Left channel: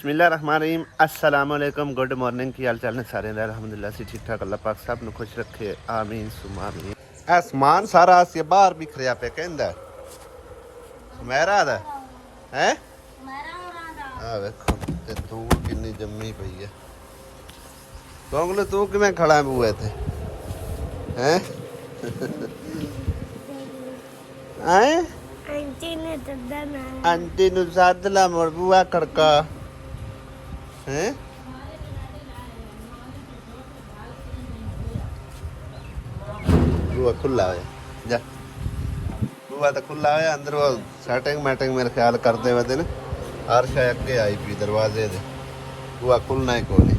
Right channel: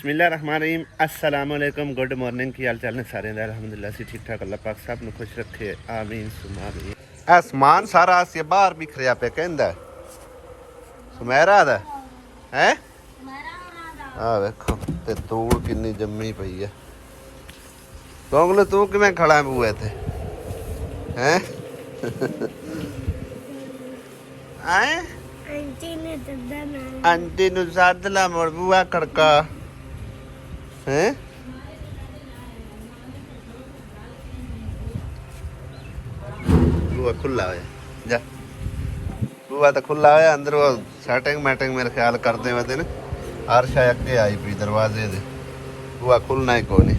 बिस्मिल्लाहिर्रहमानिर्रहीम अस्सलाम वालेकुम गुड मॉर्निंग की हाल चाल ने सारे अल्हम्दुलिल्लाह से ठीक ठाक अल्लाह पाक सब नु खुश रखे आमीन सुमा आमीन। आसमान सारा से बाहर बिखरिया पे कहंदा मेरा दा है आ देखो ते धूल किन्नी जम्मी पई है। गोंगलू तू किवें खड़ा है बूए ते हैं आए आंटी नु सद ला मोड़ बुआ खड़का हैं बुआ खुला है जा बुआ तो खुला है अंदर वो सेटिंग मैटिंग मेरे ख्याल करते हुए दिन हर शायद अगे आई पी दरवाजे दे बुआ खुलना ही कोनी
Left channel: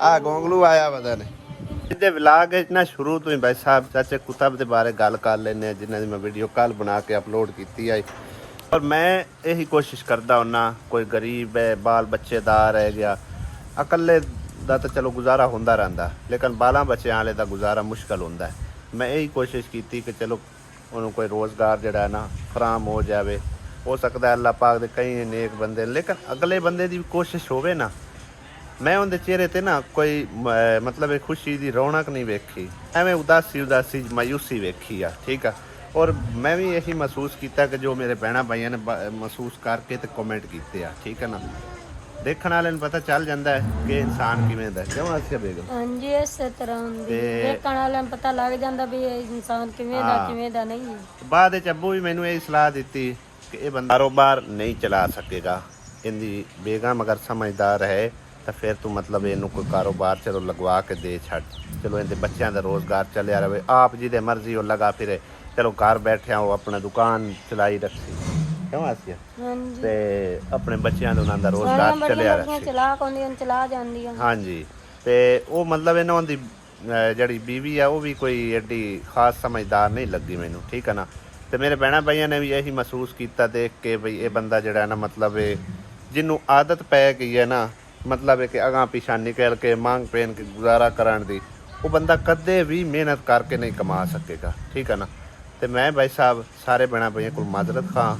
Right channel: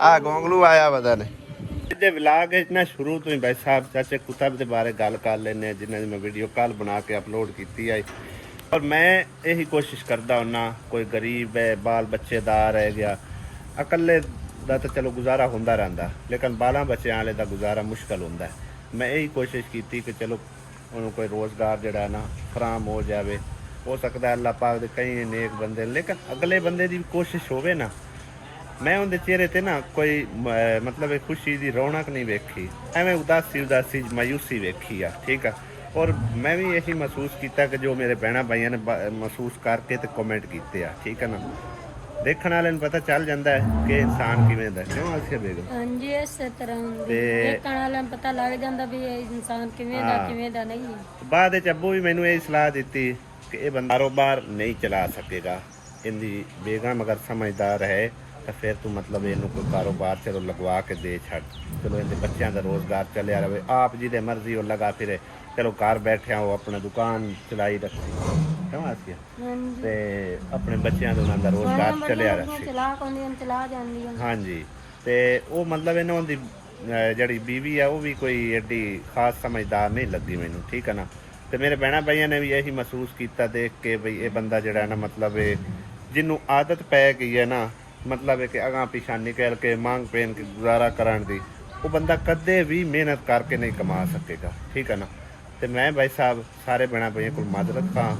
आ गोंगलू आया पता नहीं विलाग ना शुरू तो ही भाई साहब चाचे कुतब के बारे गल कर लेने जिन्होंने मैं वीडियो कल बना के अपलोड की है और मैं यही कोशिश करता हूँ कोई गरीब है बाल बच्चेदार है गया अकले का तो चलो गुजारा होंदा रहता लेकिन बालों बच्चों वाले का गुजारा मुश्किल होंदा है। मैं यही कोशिश की कि चलो उन्होंने कोई रोज़गार जड़ा ना फराम हो जाए हो सकता है अल्लाह पाक दे कई नेक बंदे लेकिन अगले बंदे की कोशिश होवे ना मैं उनके चेहरे ते ना कोई मतलब खुशी की रौनक नहीं वेखी एवं उदासी उदासी मायूसी वेखी आ ठीक है। और मैं भी यही महसूस किया कि जो मेरे भैन भाइयों ने महसूस करके तो कमेंट किए आ ठीक है ना देखने वाले पता चल जाता है कि इंसान किवें दा क्यों आसिया बेगम हां जी इस तरह देखने वाले पता लग जाता भी इंसान किवें दा नहीं है। बाद विच अब्बू भी मैनू यही सलाह दी कि ये बंदा कारोबार नहीं चला सकेगा इनकी बेगम अगर समझदार है तो फिर तू मतलब इनू कोई कारोबार चलो लगवा के दे छड़ चलो इनके बच्चों का रोज़गार चलिया रहे आप जी दे मर्जी हो लगा फिरे चलो घर बैठे हो अपने दुकान चलाई रखी क्यों आसिया ते अपने बच्चों का उन्होंने रोज़गार चलिया रखी हाँ जी ते वो मतलब इन्हों दी जड़ी बीवी है वो भी कोई एडी खास समझदार नहीं लगी मैनू ठीक है ना। तो मेरे भैन भाइयों ने भी यही महसूस किया देख के बई ये बंदा जड़ा ना मतलब जिन्हों आदत पै गई है ना मतलब है कि अगां पिछा निकल के मांग पेन के गुजारा कराने दी वो बंदा कदे भी मेहनत करके नहीं कमा सकेगा ठीक है ना। तो मैं भाई साहब सारे भैन भाइयों को माजरत खां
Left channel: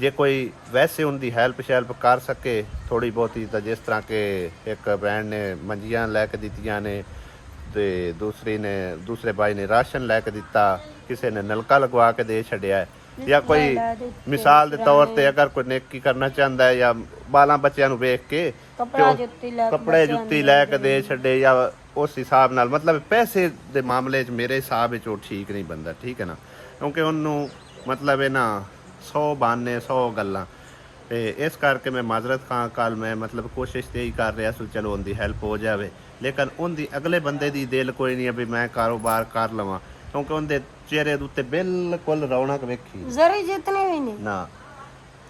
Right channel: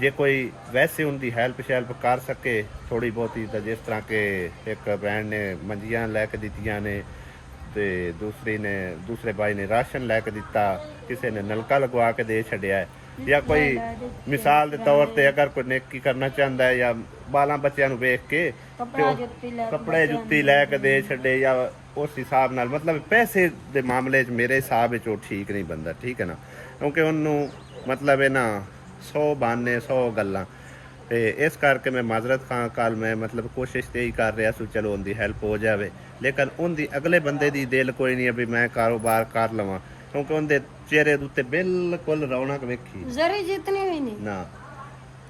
जे कोई वैसे उनकी हैल्प शैल्प कर सके थोड़ी बहुती तो जिस तरह के एक भैन ने मंजियां लैके दित्तियां ने ते दूसरे भाई ने राशन लैके दिता किसी ने नलका लगवा के दे छड़िया है या कोई मिसाल के तौर पर अगर कोई नेकी करना चाहता है या बालों बच्चों को वेख के कपड़े जुत्ती लैके दे छड़े या उस हिसाब नाल मतलब पैसे के मामले मेरे हिसाब वो ठीक नहीं बनता ठीक है ना क्योंकि उन्होंने मतलब है ना 100 बहाने 100 गल्लां ते इस करके मैं माजरत खां कल मैं मतलब कोशिश यही कर रहा सो चलो उनकी हैल्प हो जाए लेकिन उनकी अगले बंदे की दिल कोई नहीं है भी मैं कारोबार कर लवां क्योंकि उनके चेहरे उत्ते बिल्कुल रौनक वेखी जरी जितनी भी नहीं ना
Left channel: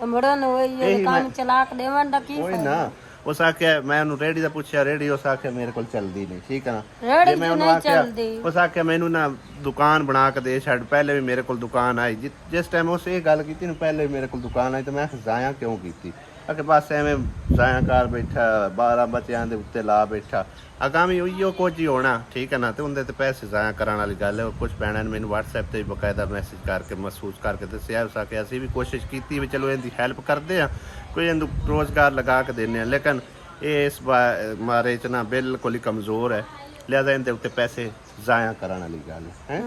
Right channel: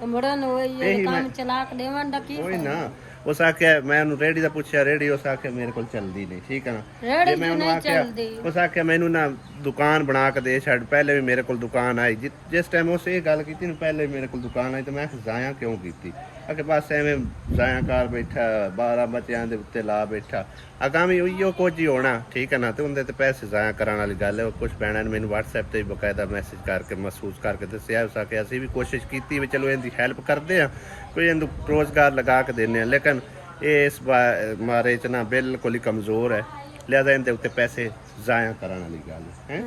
तो मुड़न वही काम चला के देवन दा की कोई ना उस आख्या मैं उन्होंने रेडी का पूछा रेडी उस आख्या मेरे को चलती नहीं ठीक है ना जे मैं उन्होंने आख्या उस आख्या मैनू ना दुकान बना के दे छड़ पहले भी मेरे को दुकान आई जिस टाइम उस ये गल की पहले भी मेरे को दुकान आई तो मैं जाया क्यों की आके बस एवं जाया कर बैठा 12 बच्चों के उत्ते ला बैठा आगामी उइयो कुछ ही होना ठीक है ना। तो उनके पैसे जाया कराने वाली गल है कुछ भैन ने मैंने व्हाट्सएप पर बकायदा मैसेज करके महसूस करके दसिया उस आके असी भी कोशिश की भी चलो इनकी हैल्प करते हैं कोई इन रोज़गार लगा के देने लेकिन ये इस बारे च ना बिल्कुल ही कमज़ोर है लिहाजा इनके उत्ते पैसे जाया कराने वाली गल है।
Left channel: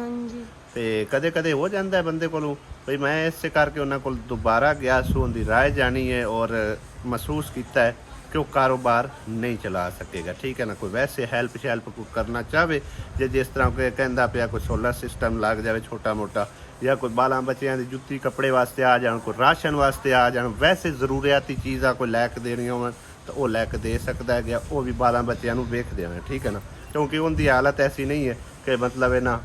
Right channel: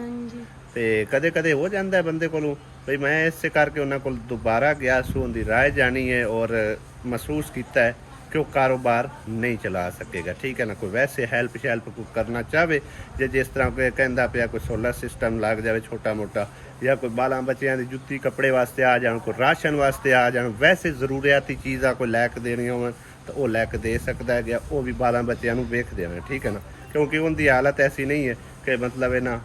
तो कदे कदे हो जाता है बंदे को भाई मैं इस करके उन्होंने को दोबारा गया सू उनकी राय जानी है और महसूस किया है कि वो कारोबार नहीं चला सकेगा ठीक है ना। कोई वैसे हैल्प शैल्प को करना चाहे जे जिस तरह कोई कहता पाया कोई सोलर सिस्टम लग जाए छोटा मोटा या कोई बालों बच्चों की जुत्ती कपड़े वास्ते आ जाए कोई राशन वास्ते आ जाए वैसे जरूरियाती चीज़ा कोई लैके देनी हो तो वह लैके दे सकता है गया वो भी बालों बच्चों वेख देना ठीक है ना क्योंकि उनकी हालत ऐसी नहीं है कि मतलब है ना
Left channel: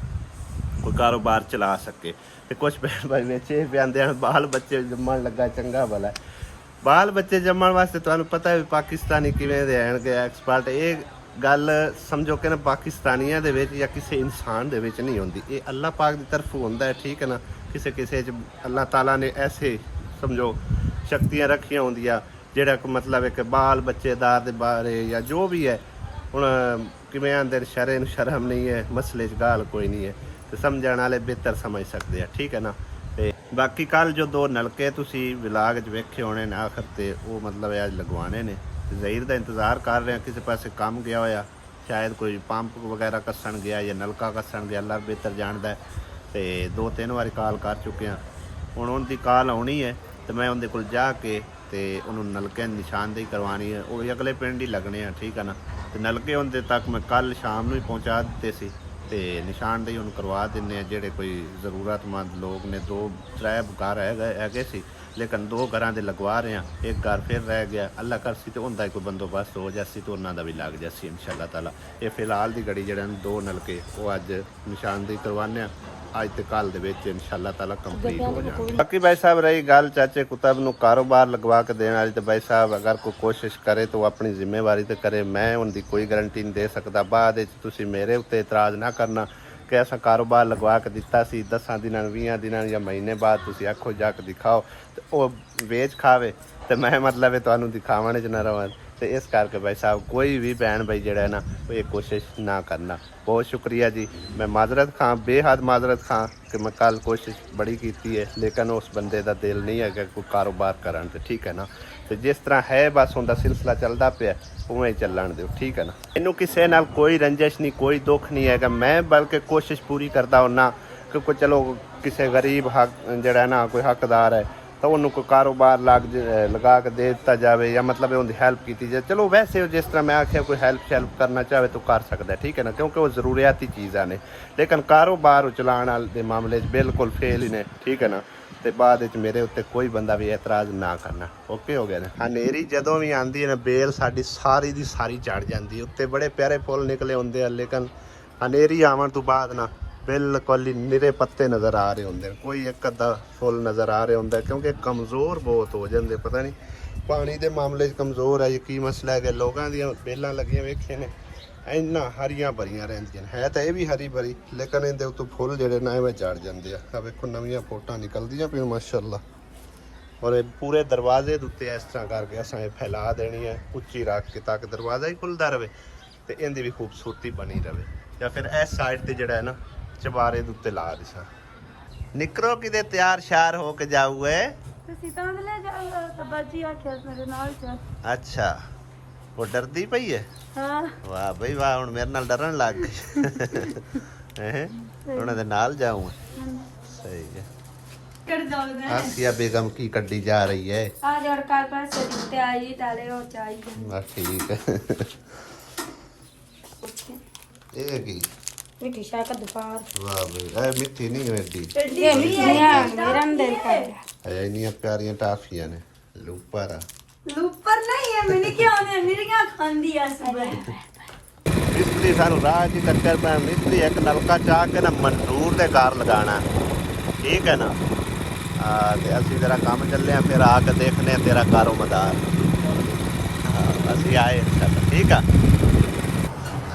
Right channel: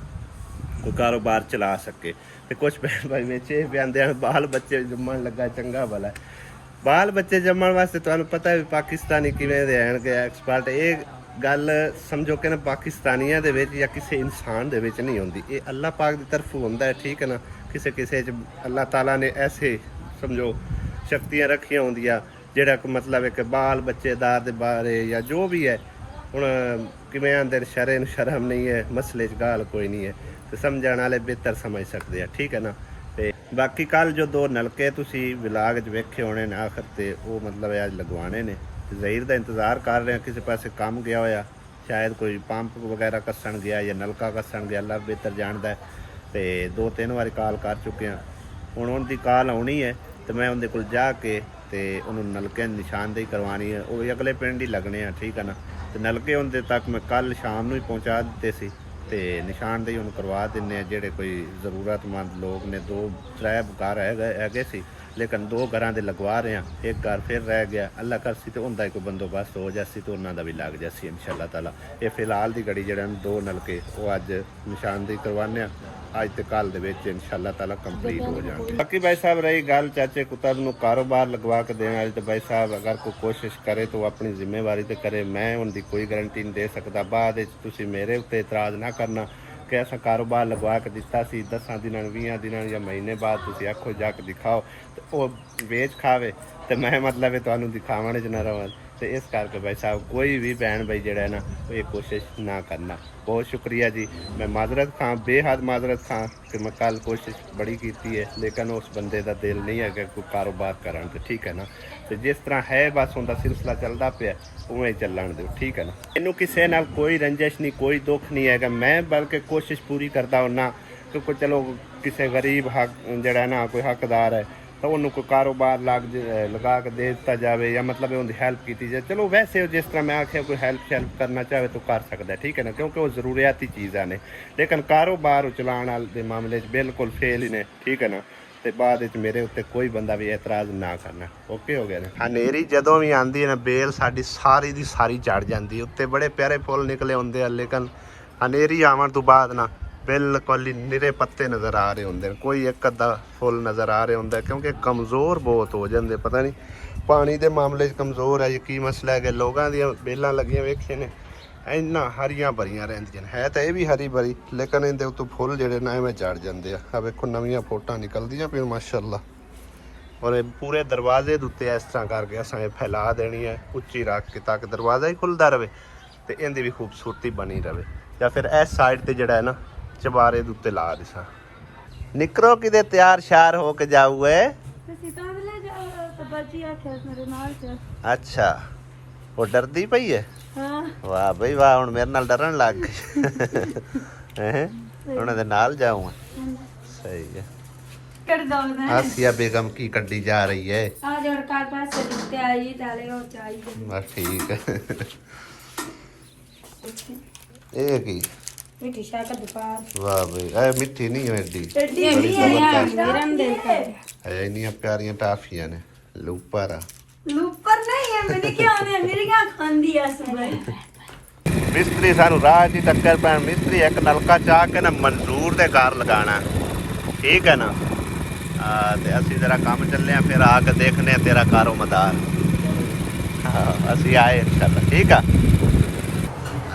कोई कारोबार चला सके। तो कुछ भैन भाई बेचे भी आते हैं बाल बच्चे जमन लगा चंगा भला बाल बच्चे जमन वास्ते तुहानू पता है पाकिस्तानी किवें रहणगे एक्सपर्ट ये गल समझो कि ना पाकिस्तानियों दे विच या किसी इंसान दे विच नहीं होंदी ये अल्लाह पाक की तरफ होंदा है ठीक है ना। किसी किसी अल्लाह ताला ने ऐसे समझो शक्तियाँ रखियां होंदियां जेड़ा मतलब एक बाल बच्चेदार दे बारे या जो भी है हुण किवें आंदे शर्म नहीं है मसले च गाल कोई नहीं है तो समझण वाले बेहतर समझ सकते हैं ठीक है ना। ਤੇ ਬਾਕੀ ਕੱਲ ਜੋ 2 ਨਲਕੇ ਤੁਸੀਂ ਵਿਲਾਗ 'ਚ ਵੇਖੇ ਹੋਣੇ ਨੇ ਆਖਰ ਤੇ, ਉਹ ਮਤਲਬ ਅੱਜ ਲਗਵਾਣੇ ਨੇ। ਜ਼ਹੀਰ ਦਾ ਇੰਤਜ਼ਾਰ ਕਰ ਰਹੇ ਹਾਂ, ਕਿਸੇ ਪਾਸੇ ਕੰਮ ਗਿਆ ਹੋਇਆ, ਸ਼ਾਇਦ ਕੋਈ ਪੰਪ ਵਗੈਰਾ ਕੱਸਣ ਗਿਆ ਜਾਂ ਨਲਕਾ ਕੱਸਣ ਗਿਆ, ਅੱਲਾ ਬਿਹਤਰ ਜਾਣਦਾ। ਤੇ 2-3 ਵਾਰੀ ਕਾਲ ਕਰ ਚੁੱਕੇ ਹਾਂ। ਹੁਣ ਉਹਦੀ ਕਾਲ ਆਉਣੀ ਹੈ ਤੇ ਮੈਂ ਉਹਦੇ ਕੋਲ ਜਾ ਕੇ ਤੇ ਉਹਨੂੰ ਨਲਕੇ ਦੀ ਨਿਸ਼ਾਨਦੇਹੀ ਕਰਵਾਉਣੀ ਹੈ। ਉਹ ਅਗਲੇ ਪਿੰਡ ਹੀ ਲੱਗਣੇ ਆ, ਠੀਕ ਹੈ ਨਾ। ਤੇ ਨਲਕੇ ਉਹਦੇ ਤੱਕ ਮੈਂ ਕੱਲ ਸ਼ਾਮ ਨੂੰ ਹੀ ਪਹੁੰਚਾ ਦਿੱਤੇ ਸੀ ਤੇ ਨਿਸ਼ਾਨਦੇਹੀ ਉਹਨੂੰ ਕਰਵਾ ਦਿੰਦੇ ਆ। ਜਿਹੜੇ ਕੋਈ ਜ਼ਰੂਰਤਮੰਦ ਲੋਕ ਨੇ, 2-3 ਘਰ ਹੈਗੇ ਸੀ, ਲੇਕਿਨ 2 ਘਰਾਂ ਦੇ ਲਗਵਾ ਰਹੇ ਹਾਂ। ਇੱਕ ਘਰ ਫਿਰ ਰਹਿ ਗਿਆ, ਅੱਲਾ ਕਰਸੀ ਤੇ ਹੁੰਦਾ ਹੀ ਕੋਈ ਬੰਦੋਬਸਤ ਹੋ ਜਾਸੀ ਤੇ ਉਹਨਾਂ ਦਾ ਵੀ ਲੱਗ ਜਾਸੀ ਇਨਸ਼ਾਅੱਲਾ ਤਾਲਾ। ਇਹ ਫਿਲਹਾਲ ਦੀ ਘੜੀ ਜਿਹੜੇ 2 ਨਲਕੇ ਉਹ ਅੱਜ ਨਿਸ਼ਾਨਦੇਹੀ ਕਰਵਾਉਂਦੇ ਆ। ਅੱਜ ਤੇ ਕੱਲ ਦੇ ਵਿੱਚ ਇਨਸ਼ਾਅੱਲਾ ਤਾਲਾ ਕੰਪਲੀਟ ਹੋ ਜਾਣਗੇ। ਬਾਕੀ ਭਾਈ ਸਾਹਿਬ ਰਹੀ ਗੱਲ ਚਾਚੇ ਕੁਤਬ ਨੂੰ ਕਾਰੋਬਾਰ ਲਗਵਾ ਕੇ ਦੇਣ ਵਾਲੀ, ਤੇ ਭਾਈ ਸਾਹਿਬ ਅਗਰ ਕੋਈ ਕੋਸ਼ਿਸ਼ ਕਰੇ ਤਾਂ ਆਪਣੀ ਜ਼ਿੰਮੇਵਾਰੀ ਤੇ ਕਰੇ। ਮੈਂ ਉਹਦੀ ਕੋਈ ਗਾਰੰਟੀ ਨਹੀਂ ਦੇ ਸਕਦਾ। ਬਾਅਦ ਵਿੱਚ ਤੁਸੀਂ ਮੇਰੇ ਉੱਤੇ ਇਤਰਾਜ਼ ਨਾ ਕਰਨਾ ਕਿ ਐਸਾ ਕਾਰੋਬਾਰ ਲਗਵਾ ਕੇ ਦਿੱਤਾ ਸੀ, 10 ਦਿਨਾਂ 20 ਦਿਨਾਂ ਜਾਂ ਮਹੀਨੇ ਬਾਅਦ ਤੁਸੀਂ ਆਖੋ ਜਾ ਕੇ ਦਿਖਾਓ ਤੇ ਉਹ ਵੇਚ ਖਾਵੇ ਤੇ ਮੈਂ ਮਤਲਬ ਤੁਹਾਨੂੰ ਦਿਖਾਵਣ 'ਚ ਨਾ ਰਵਾਂ। ਤੇ ਇਸ ਕਰਕੇ ਭਾਈ ਸਾਹਿਬ ਕੋਈ ਵੀ ਭੈਣ ਭਾਈ ਜਿਹੜਾ ਹੈ ਨਾ ਉਹ ਇਹ ਕੋਸ਼ਿਸ਼ ਨਾ ਕਰਨਾ। ਬਹੁਤ ਸ਼ੁਕਰੀਆ ਜੀ। ਮੈਂ ਮਾਜ਼ਰਤ ਖਾਂ, ਬੇਹੱਦ ਮਾਜ਼ਰਤ ਖਾਂ ਕਿ ਮੈਂ ਕੱਲ ਕੋਸ਼ਿਸ਼ ਬੜੀ ਕੀਤੀ ਹੈ, ਲੇਕਿਨ ਉਸ ਬੰਦੇ ਦਾ ਦਿਲ ਨਹੀਂ ਹੈਗਾ ਕੋਈ ਕਾਰੋਬਾਰ ਕਰਨ ਤੇ, ਠੀਕ ਹੈ ਨਾ। ਤੇ ਜਿਸ ਤਰ੍ਹਾਂ ਹੈ ਬਸ ਉਹਦਾ ਸਿਲਸਿਲਾ ਚੱਲਦਾ ਪਿਆ, ਉਵੇਂ ਹੀ ਚੱਲਣ ਦਿਓ, ਠੀਕ ਹੈ ਨਾ। ਇਹਨੂੰ ਕਿਸੇ ਨਾਲ ਕੋਈ ਰੰਜਿਸ਼ ਨਹੀਂ, ਕੋਈ ਦੁੱਖ ਨਹੀਂ ਹੈਗਾ। ਮੈਂ ਬਲਕਿ ਕੋਸ਼ਿਸ਼ ਪੂਰੀ ਕਰਦਾ ਹੁੰਨਾ ਕਿ ਕੋਈ ਚਲੋ ਕਿਸੇ ਗਰੀਬ ਹੱਕ ਜਿਹੜਾ ਨਾ ਕੋਈ ਹੱਕਦਾਰ ਹੈ ਤਾਂ ਉਹਨੂੰ ਕੋਈ ਕਾਰੋਬਾਰ ਲਗਾ ਕੇ ਦੇ ਦਿੱਤਾ ਜਾਵੇ, ਜਾਂ ਮਤਲਬ ਉਹਦੀ ਹੈਲਪ ਕੀਤੀ ਜਾਵੇ। ਚਲੋ ਵੈਸੇ ਜਿਸ ਤਰ੍ਹਾਂ ਮੈਂ ਆਖਿਆ ਕੋਈ ਹੈਲਪ ਕਰਨਾ ਚਾਹਵੇ ਤਾਂ ਕਰ ਸਕਦਾ, ਠੀਕ ਹੈ ਨਾ, ਕਿਉਂਕਿ ਉਹ ਜ਼ਰੂਰੀਆਤੀ ਚੀਜ਼ਾਂ ਨੇ। ਲੇਕਿਨ ਕਾਰੋਬਾਰ ਚਲਾਉਣ ਵਾਲੇ ਦੇ ਮਾਮਲੇ 'ਚ ਬਿਲਕੁਲ ਫੇਲ ਹੀ ਨੇ, ਠੀਕ ਹੈ ਨਾ। ਤੇ ਬਾਅਦ ਵਿੱਚ ਮੇਰੇ ਉੱਤੇ ਕੋਈ ਬੰਦਾ ਵੀ ਇਤਰਾਜ਼ ਨਾ ਕਰਨਾ। ਓਕੇ ਹੋ ਗਿਆ ਨੇ। ਹਨੇਰੀ ਜਦੋਂ ਵੀ ਆਉਂਦੀ ਹੈ ਨਾ, ਬੇਲ ਸਾਡੀ ਸਾਰੀ ਦੀ ਸਾਰੀ ਝੜ ਜਾਂਦੀ ਹੈ। ਉੱਤੇ ਬੜੇ ਪਿਆਰੇ ਫੁੱਲ ਨਿਕਲੇ ਹੁੰਦੇ ਆ, ਲੇਕਿਨ ਹਨੇਰੀ ਆਉਣ ਤੋਂ ਬਾਅਦ ਨਾ ਬਿਲਕੁਲ ਹੀ ਨਿਰੇ ਪੱਤੇ ਨਜ਼ਰ ਆ ਰਹੇ ਹੁੰਦੇ, ਕੋਈ ਇੱਕ ਅੱਧਾ ਫੁੱਲ ਨਜ਼ਰ ਆ ਰਿਹਾ ਹੁੰਦਾ, ਕਿਉਂਕਿ ਕਮਜ਼ੋਰ ਬਹੁਤ ਹੋ ਜਾਂਦੇ। ਪਤਾ ਨਹੀਂ ਪਾਣੀ ਦੇ ਮਾਮਲੇ 'ਚ ਕਮਜ਼ੋਰ ਹੈ ਜੀ, ਕੀ ਮਸਲਾ ਹੈ ਕਿ ਲੋਕਾਂ ਦੀਆਂ ਬੇਲਾਂ ਲੱਗੀਆਂ ਵੇਖੇ ਨੇ ਇੰਨਾ ਹਰੀਆਂ ਭਰੀਆਂ ਰਹਿੰਦੀਆਂ ਨੇ। ਹੈ ਤਾਂ ਇਹ ਵੀ ਹਰੀ ਭਰੀ, ਲੇਕਿਨ ਇਹਦੇ ਉੱਤੋਂ ਫੁੱਲ ਜਿਹੜੇ ਨਾ ਐਵੇਂ ਝੜ ਜਾਂਦੇ ਆ। ਆ ਵੇਖੋ ਨਵੀਆਂ ਫੋਟਾਂ ਨਿਕਲਦੀਆਂ ਪਈਆਂ ਮਾਸ਼ਾਅੱਲਾ। ਔਰ ਇਹ ਪੂਰੇ ਦਰਵਾਜ਼ੇ ਦੇ ਉੱਤੇ ਇਸ ਤਰ੍ਹਾਂ ਕਰਕੇ ਅਸਾਂ ਇਹ ਫੈਲਾ ਦੇਣੀ ਹੈ, ਉੱਚੀ ਰੱਖ ਕੇ, ਤਾਂ ਕਿ ਦਰਵਾਜ਼ਾ ਹੀ ਖੁੱਲਦਾ ਰਹੇ ਤੇ ਇਹਦੀ ਵੀ ਖੂਬਸੂਰਤੀ ਬਣੀ ਰਹੇ। ਜਾਂ ਫਿਰ ਇਸ ਸਾਈਡ ਤੇ ਜਿਹੜਾ ਹੈ ਨਾ ਚਬਾਰੇ ਦੇ ਉੱਤੇ ਲਾ ਦਿਸਾਂ। ਨਿਕਰੋ ਕਿਤੇ ਤਿਆਰ ਸ਼ਾਰ ਹੋ ਕੇ ਜਾਊਏ। ਤੁਸੀਂ ਤਾਂ ਲੈ ਜਾਓ ਤਾਂ ਬਾਜੀ ਆਖਿਆ ਮੇਰੇ ਨਾਲ ਚੱਲ। ਅੱਛਾ, ਉਹ ਡਰਦੀ ਪਈ ਹੈ। ਹਾਂ ਵਾਹ ਬਈ ਵਾਹ, ਹੁਣ ਮੇਰੇ ਨਾਲ ਡਰਨ ਲੱਗ ਗਈ ਹੈ। ਉਹਨਾਂ ਦੇ ਨਾਲ ਜਾਊਂਗਾ। ਸਹੀ ਹੈ। ਕਰ ਜਾਉਂਦਾ ਆਸੀਆ ਬੇਗਮ ਕੀ ਕੱਢੀ ਜਾ ਰਹੀ ਹੈ। ਆ ਜੜ ਕਾਲ ਪਾਸੇ ਦਿੱਤੇ ਆਈ ਤਾਲੇ ਉਹ ਚਾਹੀਦੇ ਬਸ ਠੀਕ ਹੈ। ਇਹ ਕੀ ਮਿੱਠੀ ਸ਼ਾਹ ਦਾ ਦੁਕਾਨ। ਵਾਹ ਬਈ, ਇਹ ਮਿੱਠੀ ਨਹੀਂ ਹੈ ਏਡੀ। ਇਹ ਮਿੱਠੀਆਂ ਮੇਰਾ ਦਿਲ ਕਰ ਹੈ ਇੰਨੀਆਂ ਪਿਆਰੀਆਂ ਟਾਫੀਆਂ ਨੇ। ਲੂਪਰ ਲੂਪਰ ਨਹੀਂ ਹੈ, ਮੈਨੂੰ ਕੀ ਆਉਂਦੇ ਮੇਰੀਆਂ ਖਾਂਦੀ ਆ ਸਭ। ਮਿਸਤਰੀ ਸਾਨੂੰ ਰਾਹ 'ਚ ਟੱਕਰ ਪੈਣ। ਮਿਸਤਰੀ ਇੱਕ ਨਲਕਾ ਚਾਹ ਕੇ ਨਾ ਮਨਜ਼ੂਰ ਦੇ ਘਰ ਲਗਾਉਣਾ, ਠੀਕ ਹੈ ਨਾ। ਤੇ ਅਸੀਂ ਤੇਰਾ ਕੰਮ ਚੱਲੇ ਆ, ਫਿਰ ਆ ਕੇ ਦੇਖਨੇ ਤੇਰਾ ਕਾਰੋ ਮਦਾਰ। ਅਸੀਂ ਆਏ ਇੰਸ਼ਾਅੱਲਾ, ਠੀਕ ਆ।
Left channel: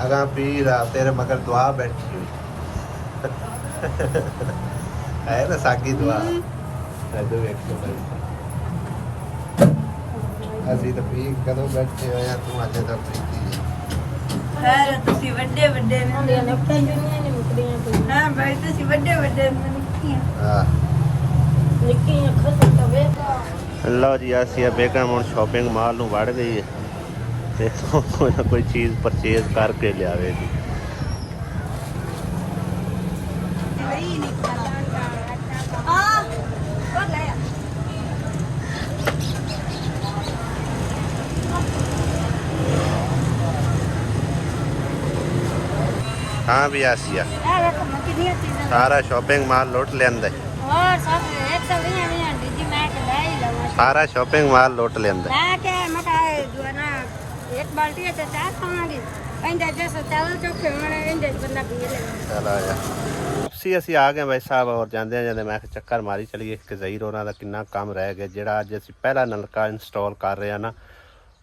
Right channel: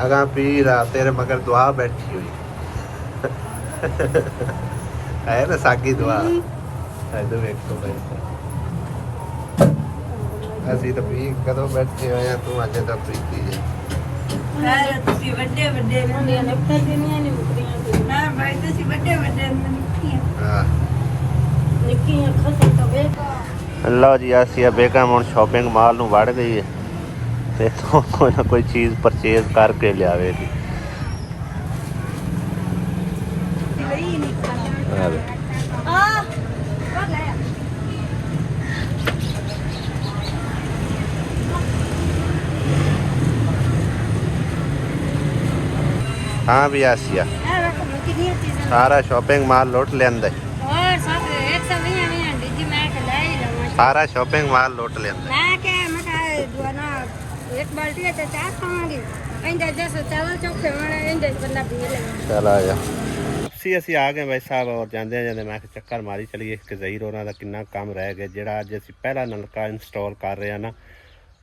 ਅਗਾ ਪੀਰ ਆ ਤੇਰੇ ਮਗਰ ਦੁਆ ਬੈਠੀ ਹੋਈ ਹੈ ਨਾ, ਸਾਗੀ ਦੁਆ। ਇਹਦੇ ਵੇਖੋ ਬਈ, ਅਸੀਂ ਤਾਂ ਵੀ ਕਦੋਂ ਬੈਠੇ ਹੋਏ ਆ, ਤੂੰ ਅੱਜ ਤਾਂ ਪ੍ਰੀਤੀ ਹੈ। ਤੁਸੀਂ ਵੱਡੇ ਵੱਡੇ ਨਿੱਕੀਆਂ ਨਹੀਂ ਮੁਕਦੀਆਂ ਹਾਂ ਬੈਠੇ ਸੀ, ਵੱਡੇ ਵੱਡੇ ਨਿੱਕੀਆਂ। ਹਾਂ ਨਿੱਕੀਆਂ ਖੁਸ਼ੀ ਤੋਂ ਵੇਖਾ। ਲਓ ਜੀ, ਆਸੀਆ ਬੇਗਮ ਹੁਣ ਸ਼ਾਪਿੰਗ ਮਾਲ ਨੂੰ ਵੜ ਗਈ ਹੈ ਤੇ ਕੋਈ ਨਾ ਕੋਈ ਚੀਜ਼ ਪਰਚੇਜ਼ ਕਰਕੇ ਲਿਆਵੇਗੀ। हाँ भी आसिया सारा शॉपिंग माल लौट लेंदे। और सब 120 दी मैं के ले ही लगा। सारा शॉपिंग माल लौट लेंदे। मैं के मैं पाए जो ना एक बाल्टी है तो चार खावांगी। इंदे जैसे चावल चोखे वाले इंदे गंदा पी ले। चल आ जा। ਅਸੀਂ ਆ ਗਏ ਭਾਈ ਸਾਹਿਬ, ਔਰ ਜਾਂਦੇ ਜਾਂਦੇ ਮੈਂ ਚੱਕਰ ਮਾਰੀ ਚਲੀਏ ਕਿ ਜ਼ਹੀਰ ਉਹਨਾਂ ਦਾ ਕਿੰਨਾ ਕੰਮ ਰਹਿ ਗਿਆ। ਜਿਹੜਾ ਅੱਜ ਅਸੀਂ ਪਹਿਲਾ ਨਲਕਾ ਇੰਸਟਾਲ ਕਰ ਰਹੇ ਹਾਂ ਨਾ,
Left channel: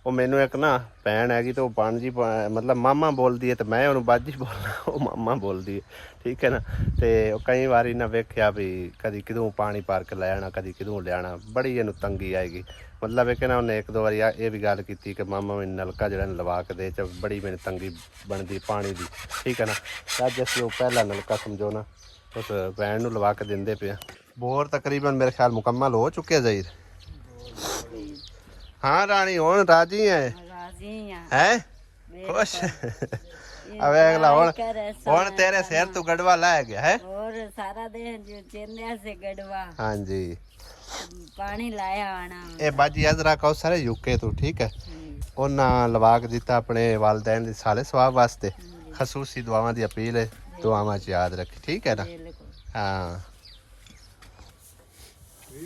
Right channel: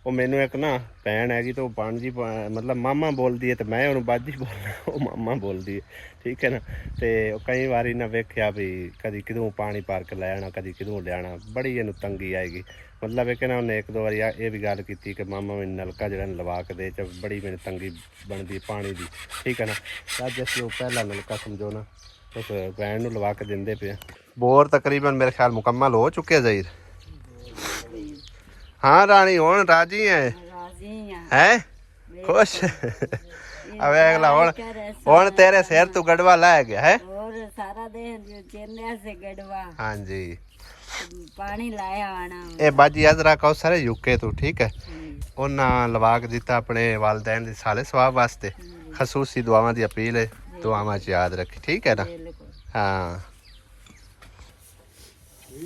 ਉਹ ਮੈਨੂੰ ਇੱਕ ਨਾ ਭੈਣ ਹੈਗੀ ਤੇ ਉਹ ਬਾਂਜੀ ਮਤਲਬ ਮਾਮਾ ਬੋਲਦੀ ਹੈ ਤੇ ਮੈਂ ਉਹਨੂੰ ਬਾਜੀ ਬੋਲਦਾ, ਉਹ ਮਾਮਾ ਬੋਲਦੀ ਹੈ, ਠੀਕ ਹੈ ਨਾ। ਤੇ ਉਹ ਕਈ ਵਾਰੀ ਨਾ ਵੇਖਿਆ ਵੀ ਕਦੀ ਕਿਦੋਂ ਪਾਣੀ ਭਰ ਕੇ ਲੈ ਆਉਣਾ, ਕਦੀ ਕਿਦੋਂ ਲਿਆਉਣਾ, ਬੜੀ ਇਹਨੂੰ ਤੰਗੀ ਆਏਗੀ। ਮਤਲਬ ਇਹ ਕਹਿੰਦਾ ਉਹਨੇ 1-2 ਵਾਰੀ ਇਹ ਵੀ ਗੱਲ ਕੀਤੀ ਕਿ ਮਾਮਾ ਮੈਨੂੰ ਨਲਕਾ ਜਿਹੜਾ ਲਵਾ ਕੇ ਦੇ, ਚ ਬੜੀ ਮੈਨੂੰ ਤੰਗੀ ਬਣਦੀ ਪਾਣੀ ਦੀ, ਠੀਕ ਹੈ ਨਾ। ਅੱਜ ਅਸੀਂ ਉਹ ਪਹਿਲਾ ਨਲਕਾ ਸਮਝੋ ਨਾ ਉਸ ਭੈਣ ਨੂੰ ਲਵਾ ਕੇ ਦਿੰਦੇ ਪਏ। बोर तकरीबन मेरे ख्याल मुकम्मल हो चुके ज़हीर। हाँ रानी हुण राजी है हैं खुश अब अगला हुण तेरे सिर तू गड़वा ला गया है और सारा दिन जो चेन्नई से गड़वा। हाँ जी पानी लाया आना ए बाजी अजरा कौसर यूके तू ठीक है उन्ना लवा के दिता अपने वालदैन दी साले सवाब वास्ते खसूसी दुआवां दी अपील है दुआवां च याद रखी ठीक है ना। हाँ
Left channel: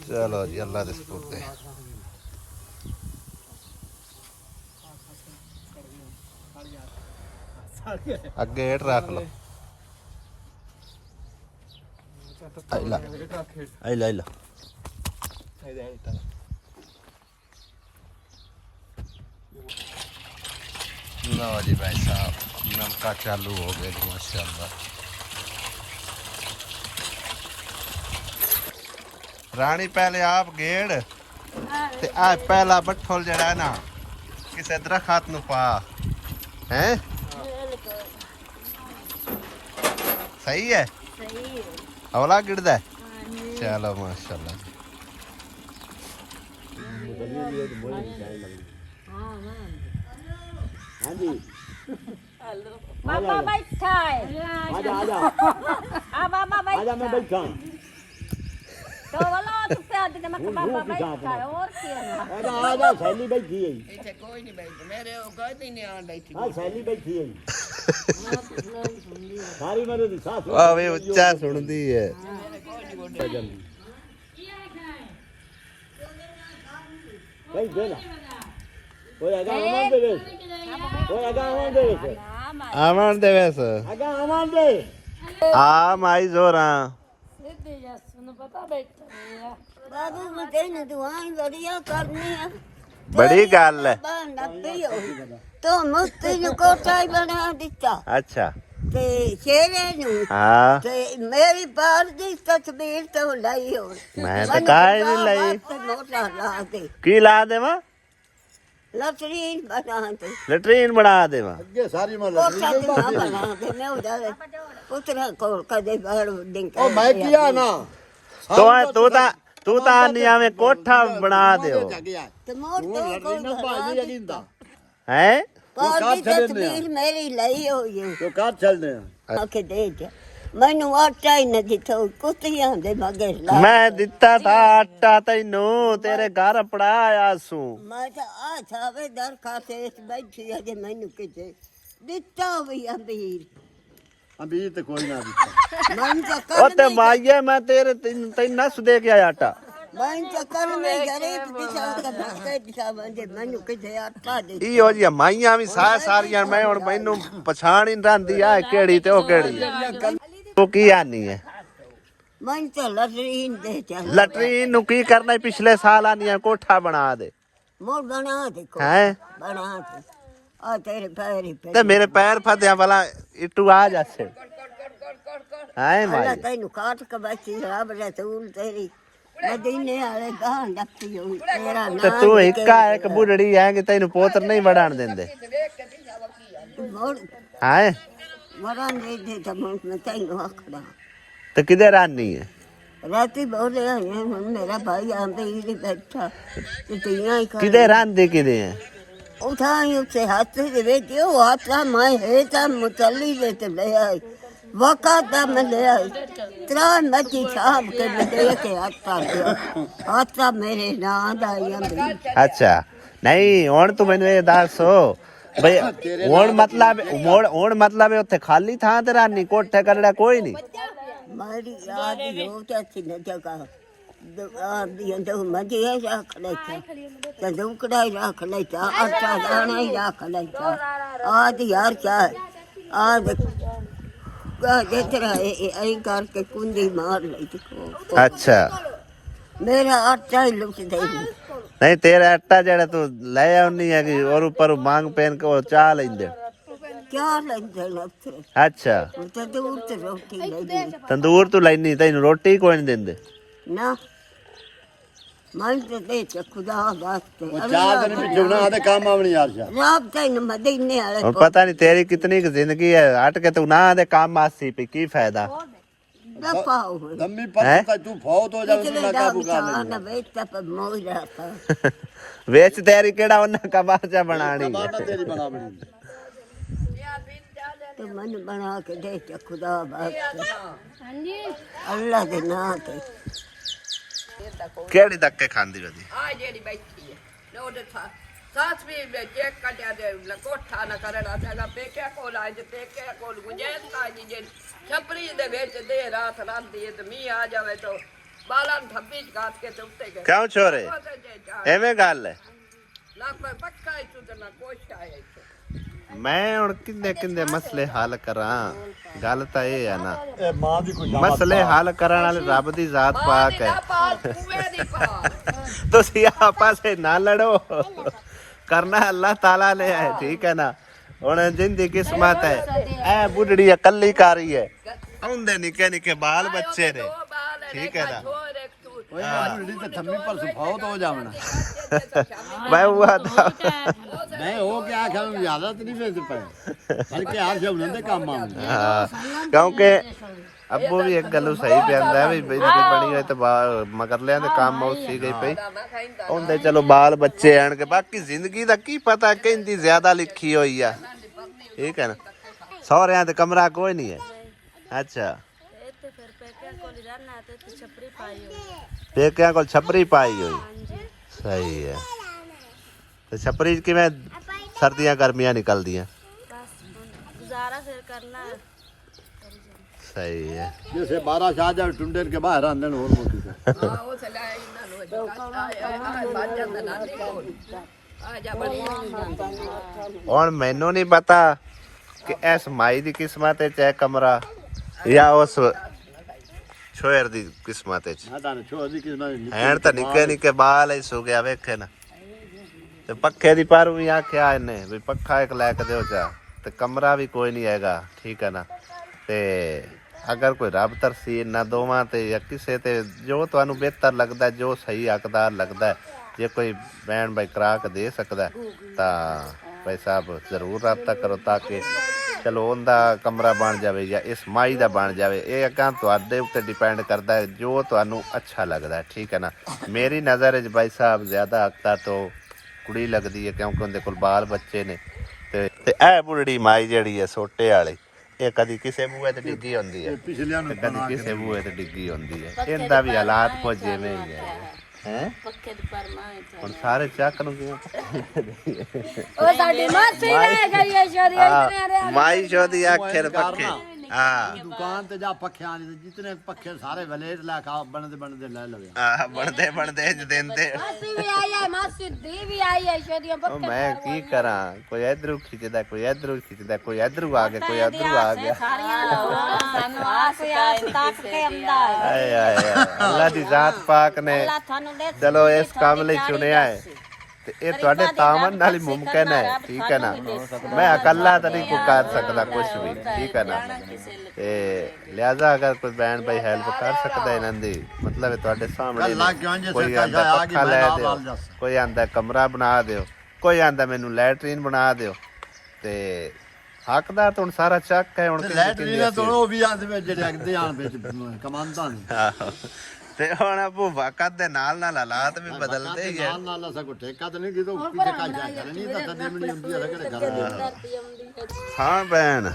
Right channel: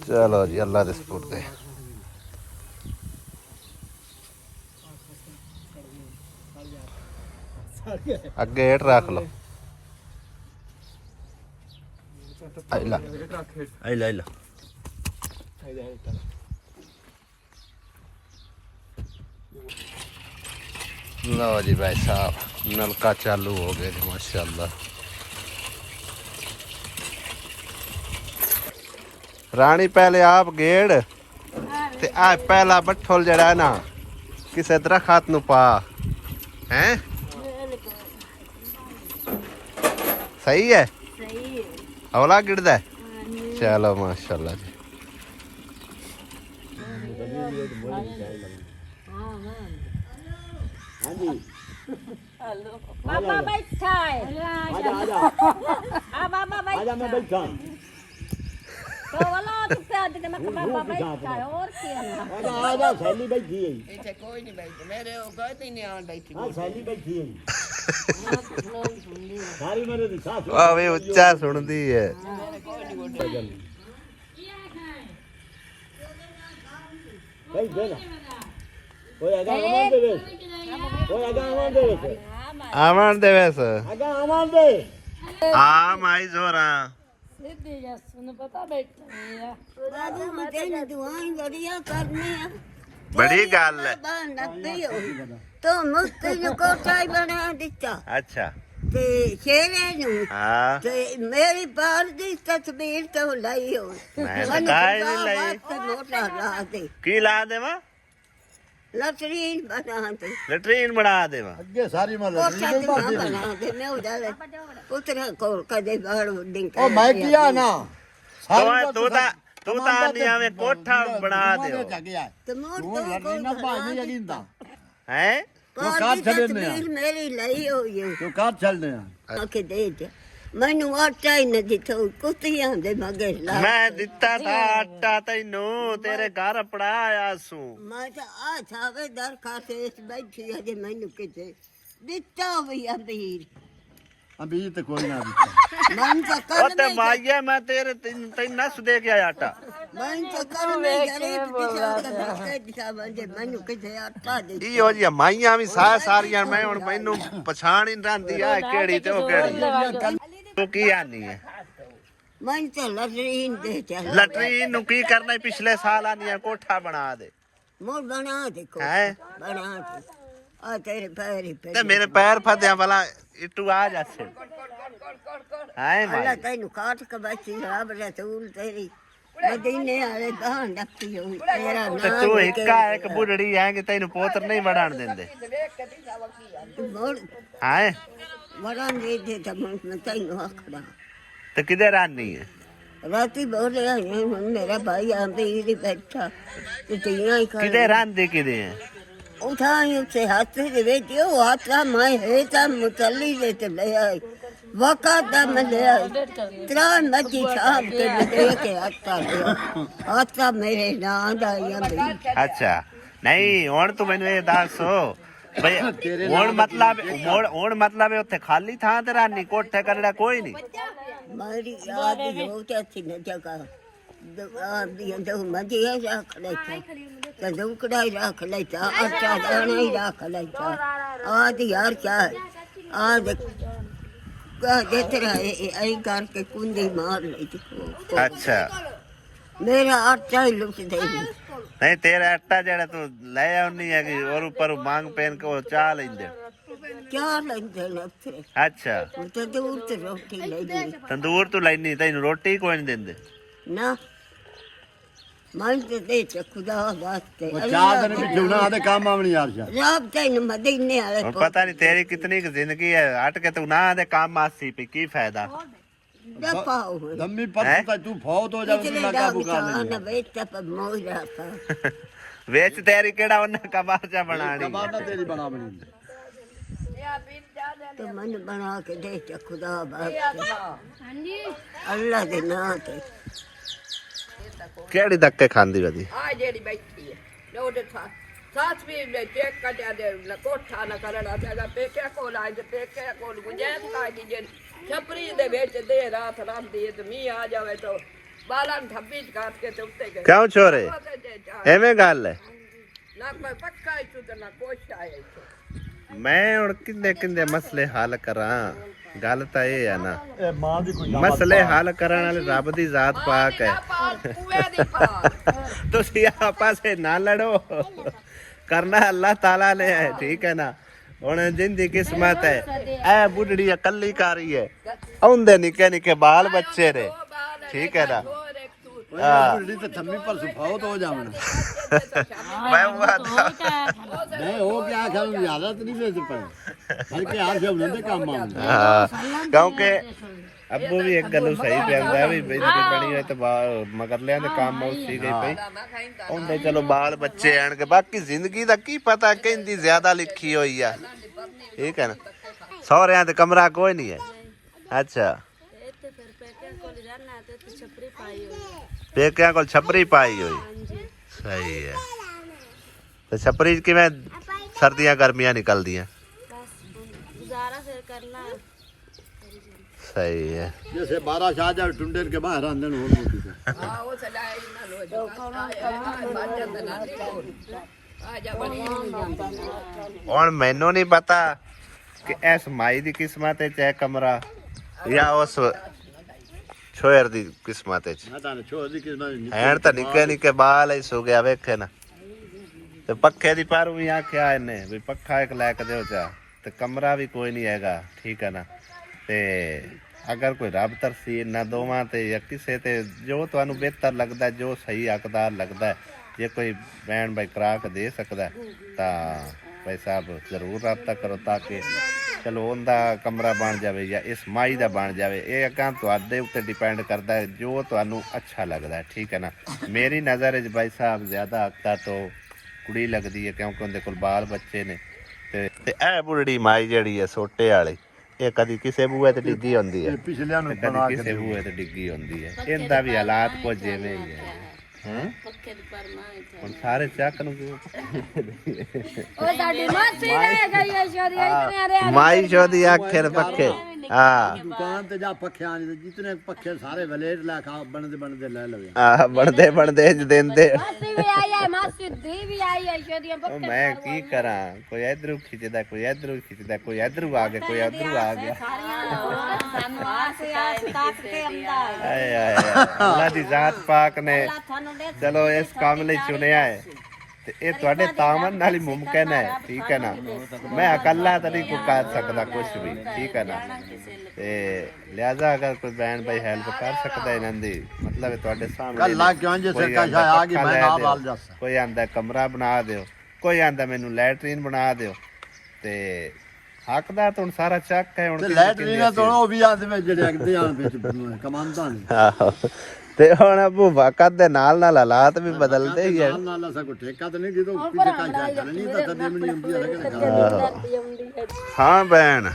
चलो जी अल्लाह दे सुपुर्द है। अगे हेठ रख लो आइला आइला आइला लो जी भाई साहब नलका चालू हो गए जी माशाल्लाह। रानी पहले आप गेड़ ते आ पहला बट्ठोल जड़ा ना किसे दरखत नु पा हैं सही है हौला गिरदा है चलो माशाल्लाह जी। बाबा बैठा है आजा आजा आजा मैं बैठा तो वाला तो प्याद ने मत बाबा बैठा है और क्या आजा आजा सैली बैठी है ਇੱਥੇ ਕੋਈ ਨਹੀਂ ਬੈਠਾ ਮੇਰੇ ਉਹ ਕਹਿੰਦੇ ਨਹੀਂ ਆਣ ਬੈਠੀ हां सैली बैठी है सारी मेरे दी साथ वाह वे उच्चा सुनदी है कई देना ओए आगा आमान दे ओए आगा आमान दे आमन दे वैस आगा आमान दे आ माई जोरा सीधी जसन पता बैठा बाबू को तेन दुआएं बढ़िया करनी है बड़ी गल है नब्बे हो तो मुफ्ती जो कोठा बना दिता अच्छा ते शेरे नु हाँ ते मेरी बार दी तस्वीर तो लाई हो मैं तो काहे नहीं लाई मोटा ला दे की ला देवा लटरीन बना दे लेट्रीन बना देवा ये सारी मार कोठा ना बना दे मैं उधर पुत्र को कदे बाड़ डिंग ओ मैं किया ना तू ता नहीं आवे कोठा बना दे तो मोर तो ना बाजी अगिंदा हैं बार दी तस्वीर मेरी लाई हो ये तो काट चल दे आके दे जा मैनू आटा ही न दिता कुत्तियां दे मगर ला मैं दिता था आटा तैनू तेरे घर पड़ाया सू मैं तो आ थावे दर खाते बैठी है जे मैनू किते दिता भी अमीर अभी तो कोई नहीं मन तो ओ कर ते माये मैं तेरे तैन नस दे के आया आटा मन तो कर में गरीब दिशा का भक्ते दिशा बंदे मैनू किते आटा दे ई हो जी माइयां भी सारियां मैं हुन मैनू पछाण ही रंदी आ केड़ी ते ओ केड़ी तू की आनी है मन तो लटरीन दे चल लटरीन नु की करना है पिछले साल आनी है कोठा बना दे मोर बना दे को हैं बना दे आ तेरे पैर ही पे ते मेरे पैर फदया वाला इटू आ जासे हाय अल्लाह भाई तेनू काट के बची रब रसूल तेरी मदीने वाले दान रखी हुई तेरा ते नाम तू इक्का एक बुढ़ड़ी है कि तैनू पोतर नहीं बढ़ान देंदे मोर हाय वरान दे तो मैं तेनू आखड़ा ते किधर आनी है राती बोले हैं मेरा भाई आंधी बैठा तो तियां ही किधर आंदे किधे है उठाई उससे हाथ से बेटी वो हाथ मैं है तब मुतली लेते ले आई वक़्त में ले आई तेरा मची साहब के दे के हाथा मेरे नाम दाइयां भी अच्छा नहीं हुण तू मैनू ये दसो भई हुण मतलब उत्थे खाली थां ते रानी कोठे करड़ा कोई नहीं मेरी याद हो जाती न जगह तो मजी रख लेता तंदूकड़ा ही रख लेता आटा दाना ही रख लेता आज यार क्या आज जितना ऐ करके कुंडी मार लेती अच्छा मेरा आटा ही लुट दे नहीं तेरा आटा जड़ा तू ले आउनी है कि और ऊपर मांग पहन के वो चाह लेंदे क्या लगते लफ्ते अच्छा तंदूर ते रोटी ले दी तंदूर तू लैनी तैनू रोटी कोई नहीं देंदे ना मन ते दे च खुदा वास्ते चार दिन क्यों ना आधे काम आवनी यार राब तैन मदीने वाले और पता नहीं तेरी कितनी की जिंदगी है हट के तू ना दे काम आसी पे की फायदा दफाओ लम्बी परसों तक तू फौत हो जाए इतने दाग चाहना बेचता पर मोह जाता ਵੇਚ ਤੇਰੀ ਕਿਹੜਾ ਉਹਨਾਂ ਕਬਾਚਾ ਬਣਾਣੀ तेरी बना बनी तो मन बना के दे खुदा बात अल्लाह दे नाम ते ਕਿਹੜੀ ਧੱਕੇ ਖਾਂਦੀ ਕਦੀ ਆ ਜਿਹੜੀ ਬੈਠੀ ਹੈ ਉਹਦੇ ਸਾਥ ਵੀ ਵਿੱਚ ਕੱਟਿਆ ਦੇ ਕੋਠਾ ਨਾ ਕਰਨਾ ਸਾਡਾ ਪੇਕੇ ਕੋਲ ਆਏ ਤੇ ਪੇਕੇ ਕੋਲ ਗੁੰਜਾਇਸ਼ ਕਾਜੀ ਜੇ ਛਪਰੀ ਦੇ ਵਿੱਚ ਦੇ ਰਾਤ ਰਾਂਦੀ ਹੈ ਤੇ ਮੀਂਹ ਆ ਜਾਵੇ ਤਾਂ ਬਾਲਾਂ ਥੱਬੀ ਚ ਕਾਟ ਕੇ ਤੇ ਉੱਤੇ ਗਏ ਕਿਉਂ ਛੋਰੇ ਐਵੇਂ ਗੱਲ ਹੈ ਨਾ ਕੋਈ ਪੱਕਾ ਇਚੂ ਤੇ ਨਾ ਕੁਛ ਆਇਆ ਇੱਥੇ ਮੈਂ ਹੁਣ ਕਿੰਨੇ ਕਿੰਨੇ ਮਸਲੇ ਹੱਲ ਕਰਾਂ ਗੱਲ ਤਾਂ ਇਹ ਹੈ ਨਾ ए मां दी कोई ਮਸਲੇ ਹੱਲ ਕਰਨ ਵਾਲੇ ਰੱਬ ਦੀ ਜ਼ਾਤ ਪਾਕ ਹੈ ਕੂਏ ਦੀ ਪਾ ਤੁਸੀਂ ਆਪਸ ਵਿੱਚ ਨਾ ਲੜੋ ਕਰਨਾ ਅੱਲਾਹ ਤਾਲਾ ਨੇ ਹੈ ਠੀਕ ਹੈ ਨਾ ਹੁਣ ਜਿੰਦੀ ਕਿਸਮਤ ਹੈ ਇਹ ਬੁੱਢੜੀ ਇਕੱਲੀ ਕਾਰੀ ਹੈ ਆਉਂਦੇ ਨਿੱਕੇ ਨਿੱਕੇ ਬਾਲ ਬੱਚੇ ਨੇ ਠੀਕ ਹੈ ਨਾ दी तो थम्मी परसों फौत हो जावना मैं हुआ था नहीं हो क्या आखिर में ज्यादा तो नहीं बेच पाए बल्कि हार से उन्होंने काम मांगा ਹਾਂ ਕਿਉਂਕਿ ਅੱਬੂ ਵੀ ਇੱਕ ਗੱਲੋਂ ਸਹੀ ਪਿਆਂਦਾ ਵੀ ਬੇਨਤੀ ਬਣੀ ਹੋਏ ਤੇ ਮਗਰ ਲਿਆਂ ਦੇ ਕੰਮ ਉਸੇ ਗਈ ਪਈ ਹੁੰਦੇ ਚਲੋ ਬਾਲ ਬੱਚੇ ਆਣ ਕੇ ਬਾਕੀ ਜ਼ਿੰਦਗੀ ਦਾ ਕੀ ਪਤਾ ਕਹਿੰਦੀ ਜ਼ਿਆਦਾ ਲਿਖੀ ਹੋਈ ਆ ਠੀਕ ਹੈ ਨਾ ਸਹੁਰਿਆਂ ਤੇ ਕਮਰਾ ਕੋਈ ਨਹੀਂ ਹੈ ਅੱਛਾ ਇੱਥੇ ਫਿਰ ਪੇਕਿਆਂ ਕੋਲ ਹੀ ਰਹਿਣਾ ਤੇ ਇੱਥੇ ਛਪਰੀ ਪਾਈ ਹੋਈ ਹੈ ਪੇਕਿਆਂ ਕੋਲ ਛਪਰੀ ਪਾਈ ਹੋਈ ਹਾਂਜੀ ਸਹੀ ਹੈ ਤੇ ਛਪਰੀ 'ਚ ਕਿਵੇਂ ਸਰਦੀਆਂ ਗਰਮੀਆਂ ਨਿਕਲਦੀਆਂ ਬਸ ਗੁਜ਼ਾਰਾ ਫਿਰ ਕਰਨਾ ਹੈ। ਸਹੀ ਹੈ जैसे 12 शाह जा टुंडेर के बाहर आंदन और मोटी से ਹਾਂ ਉਹ ਸਲਾਹ ਇਹਨਾਂ ਨੂੰ ਆ ਮਰ ਜਾਂਦਾ ਨਾ ਕੋਲ ਆ ਜਾ ਬੜੀ ਹੁਣ ਮੈਨੂੰ ਨਹੀਂ ਪਤਾ ਕਿ ਇਸ ਮਾਈ ਦੀ ਕਿਸਮਤ ਹੈ ਚਾਹੇ ਕਮਰਾ ਜਾਂ ਉਸ ਛੋਇਰ ਦੀ ਕਿਸਮਤ ਹੈ मैं ताने छोड़ दी किस ਐਨ ਤਾਂ ਨਿੱਕੇ ਨਿੱਕੇ ਬਾਲ ਹੀ ਸੁ ਗਿਆ ਵੇਖੇ ਨਾ ਤੇ ਪੱਖੇ ਦੀ ਪਰ ਵੀ ਆਖਿਆ ਇਹਨੇ ਵੀ ਪੱਖਾ ਇੱਕ ਲੈ ਕੇ ਦਿਓ ਚਾ ਤੇ ਕਮਰਾ ਵੀ ਕੋਈ ਨਹੀਂ ਹੈਗਾ ਠੀਕ ਹੈ ਨਾ ਤੇ ਅਗਰ ਕੋਈ ਰੱਬ ਤਰਸੀ ਨਾ ਦੋਵਾਂ ਤੇ ਜਾਂ ਕਿਸੇ ਤੇ ਜੋ ਤੁਹਾਨੂੰ ਬਿਹਤਰ ਲੱਗਦਾ ਜੋ ਸਹੀ ਹੱਕਦਾਰ ਲੱਗਦਾ ਜੇ ਕੋਈ ਬੈਣ ਬਾਈ ਕਰਾ ਕੇ ਦੇ ਸਕਦਾ ਤਾਂ ਭਾਈ ਸਾਹਿਬ ਜ਼ਰੂਰ ਰਾਬਤਾ ਕਰੋ ਤਾਂ ਕਿ ਚਲੋ ਉਹਦਾ ਕਮਰਾ ਬਣ ਜਾਵੇ ਜਾਂ ਇਸ ਮਾਈ ਦਾ ਬਣ ਜਾਵੇ ਇਹ ਅੱਗਾ ਤੁਹਾਡੇ ਉੱਤੇ ਡਿਪੈਂਡ ਕਰਦਾ ਹੈ ਜੋ ਤੁਹਾਨੂੰ ਅੱਛਾ ਲੱਗਦਾ ਠੀਕ ਹੈ ਨਾ ਮੇਰੀ ਨਜ਼ਰ ਵਿੱਚ ਭਾਈ ਸਾਹਿਬ ਜ਼ਿਆਦਾ ਹੱਕਦਾਰ ਤੋਂ ਕੁੜੀ ਲੱਗਦੀ ਹੈ ਕਿਉਂਕਿ ਉਹਦੇ ਕੋਲ ਬਾਲ ਬੱਚੇ ਨੇ ਤੇ ਇਹ ਬੁੱਢੜੀ ਮਾਈ ਜਿਹੜੀ ਹੈ ਸੋਟੇ ਵਾਲੀ ਇਹ ਕਦੀ ਕਿਸੇ ਬੂਹੇ ਤੇ ਡਿੱਗੀ ਹੁੰਦੀ ਹੈ पिछले ਤੇ ਕਦੀ ਕਿਸੇ ਬੂਹੇ ਤੇ ਡਿੱਗੀ ਹੁੰਦੀ ਹੈ ਇਹਦਾ ਵੀ ਹਾਲਾਤ ਕੁਝ ਜਿਵੇਂ ਹੀ ਹੈ ਹੈ ਪੱਕੇ ਦੀ ਪਰਮਾ ਹੈ ਹੁਣ ਸਾਰੇ ਚੱਕ ਨੂੰ ਕਿਵੇਂ ਉਹ ਸਾਡੀ ਮਾਸੀ ਨੇ ਕਰੀ ਹੈ ਸ਼ੋਰੀ ਮਾਈ ਸ਼ੋਦੀ ਆਖੇ ਪੱਖੇ ਹਾਂ दुकान ते जा पखे आने जितने पखे सारे वलेट ला खा बनते ले लवे ਆ ਬਣਦੇ ਬਣਦੇ ਜ ਦਿੰਦੇ ਮਾਸੀ ਵੀ ਆਈ ਹੈ ਮਾਸੀ ਦੀ ਵੀ ਆਈ ਹੈ ਸ਼ੋਰੀਆਂ ਉਹ ਮੈਂ ਕੀ ਕਰਾਂ ਕੋਈ ਇਧਰੋਂ ਖਿੱਚਦਾ ਕੋਈ ਇਧਰੋਂ ਖਿੱਚਦਾ ਕੋਈ ਇਧਰੋਂ ਆ ਗਿਆ ਕੋਈ ਇਧਰੋਂ ਆ ਗਿਆ ਸਾਨੂੰ ਆਸੇ ਤੱਕ ਕੇ ਆਂਦਾ ਹੈ ਆਏ ਆਏ ਆਏ। ਅੱਲਾ ਦੀ ਜ਼ਾਤ ਪਾਕ ਨੇ ਤੁਹਾਨੂੰ ਦੇ ਚਲੋ ਇਸ ਕੰਮ ਲਈ ਚੁਣਿਆ ਹੈ ਤੇ ਇਹ ਤੁਹਾਡੇ ਤਾਮਨ ਨਾਲ ਹੀ ਮੁਮਕਿਨ ਹੈ ਠੀਕ ਹੈ ਨਾ ਮੈਂ ਇਕੱਲਾ ਤਾਂ ਨਹੀਂ ਕੋਈ ਕਰ ਸਕਦਾ ਕੁਝ ਵੀ ਠੀਕ ਹੈ ਨਾ ਤੇ ਲਿਆਜ਼ਾ ਅਗਰ ਕੋਈ ਬੈਣ ਭਾਈ ਹੈਲਪ ਕਰ ਸਕਦਾ ਇਹਨਾਂ ਦੀ ਮਤਲਬ ਤੁਹਾਡੇ ਸਾਹਮਣੇ ਕੱਲਾ ਕਿਉਂ ਜੇ ਕੋਈ ਸਰਕਾ ਆਂਦਾ ਆ ਗਈ ਪੱਖਾ ਮੈਂ ਲੈ ਨਾਲ ਦਿਓ, ਵਾਲ ਦੱਸ ਕੋਈ ਆਂਦਾ ਕਮਰਾ ਬਣਾ ਦਿਓ ਕੋਈ ਆਂਦਾ ਮੈਨੂੰ ਲੈਟਰੀਨ ਬਣਾ ਦਿਓ ਤੇ ਹੱਕਦਾਰ ਤਾਂ ਹੁਣ ਸਾਰਾ ਚੱਕ ਹੈ ਹੁਣ ਤੇ ਕਿੰਨੇ ਲੈਟਰੀਨ ਤੋਂ ਉਹ ਵੀ ਆਂਦੇ ਵਿੱਚ ਜਿਹੜੇ ਅਗਦੇ ਆਣ ਵਿੱਚ ਕਮਾਂਦਾ ਨੇ ਆਹੋ ਤੇ ਹੁਣ ਅਬੂ ਵਕਤ ਦੇ ਨਾਲ ਨਾਲ ਹਾਲਾਤ ਵੀ ਬਦਲਦੇ ਹੀ ਹੈ ਨਾਲ ਨਾਲ ਸਾ ਠੇਕਾ ਤਾਂ ਨਹੀਂ ਜਦੋਂ ਕਿਸੇ ਕਾ ਜਾ ਨਹੀਂ ਤਾਂ ਦੇਵਣੀ ਹੁੰਦੀ ਆ ਕਿਹੜੇ ਘਰ ਹਾਂ ਭੈਣ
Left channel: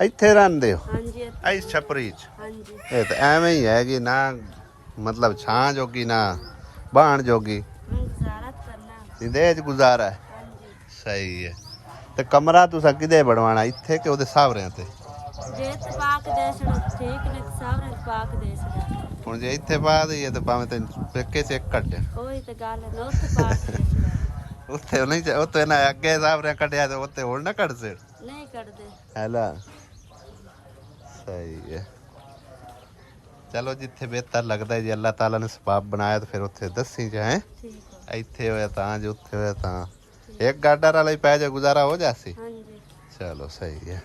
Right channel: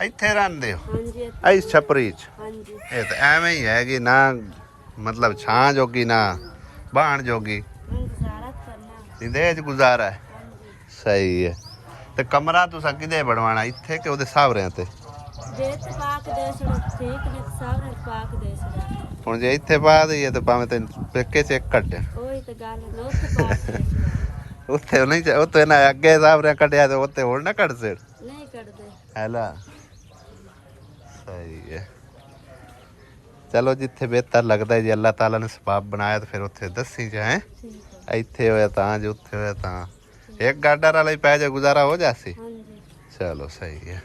ਇੱਥੇ ਰਹਿੰਦੇ ਹੋ ਹਾਂਜੀ ਐ ਛਪਰੀ ਚ ਹਾਂਜੀ ਇਹ ਤਾਂ ਐਵੇਂ ਹੀ ਹੈ ਕਿ ਨਾ ਮਤਲਬ ਛਾਂ ਜੋਗੀ ਨਾ ਬਾਣ ਜੋਗੀ ਗੁਜ਼ਾਰਾ ਕਰਨਾ ਇਹਦੇ ਚ ਗੁਜ਼ਾਰਾ ਹੈ ਹਾਂਜੀ ਸਹੀ ਹੈ ਤੇ ਕਮਰਾ ਤੁਸੀਂ ਕਿਦੇ ਬਣਵਾਣਾ ਇੱਥੇ ਕਿ ਉਹਦੇ ਸਾਹਵਰਿਆਂ ਤੇ ਜੇ ਤੇ ਪਾਕ ਦੇਸ਼ ਨੂੰ ਠੀਕ ਨੇ ਸਾਹਮਣੇ ਪਾਕ ਦੇਸ਼ ਦਾ ਹੁਣ ਜੇ ਇੱਥੇ ਪਾ ਦਈਏ ਤਾਂ ਭਾਵੇਂ ਤੇ ਪੇਕੇ ਚ ਇੱਕ ਕੱਢਿਆ ਉਹੀ ਤਾਂ ਗੱਲ ਹੈ ਨਾ ਉੱਥੇ ਪਾਕ ਦੇਸ਼ ਦਾ ਉੱਥੇ ਨਹੀਂ ਉੱਥੇ ਨਾ ਅੱਗੇ ਸਾਹਵਰਿਆਂ ਕੱਢਿਆ ਤੇ ਉੱਥੇ ਹੋਰ ਨਾ ਕੱਢ ਸੇ ਨਹੀਂ ਕੱਢਦੇ ਹੈਲਾ ਸਹੀ ਹੈ ਚਲੋ ਜਿੱਥੇ ਬਿਹਤਰ ਲੱਗਦਾ ਜੇ ਅੱਲਾਹ ਤਾਲਾ ਨੇ ਸਬਾਬ ਬਣਾਇਆ ਤਾਂ ਫਿਰ ਉੱਥੇ ਦੱਸੀ ਜਾਏ ਠੀਕ ਹੈ ਇੱਥੇ ਹੋਇਆ ਤਾਂ ਜੇ ਉੱਥੇ ਹੋਇਆ ਤਾਂ ਇੱਕ ਗਾਡਰ ਵਾਲਾ ਹੀ ਪੈ ਜਾ ਗੁਜ਼ਾਰਾ ਹੋ ਜਾਸੀ ਹਾਂਜੀ ਚਲੋ ਸਹੀ ਹੈ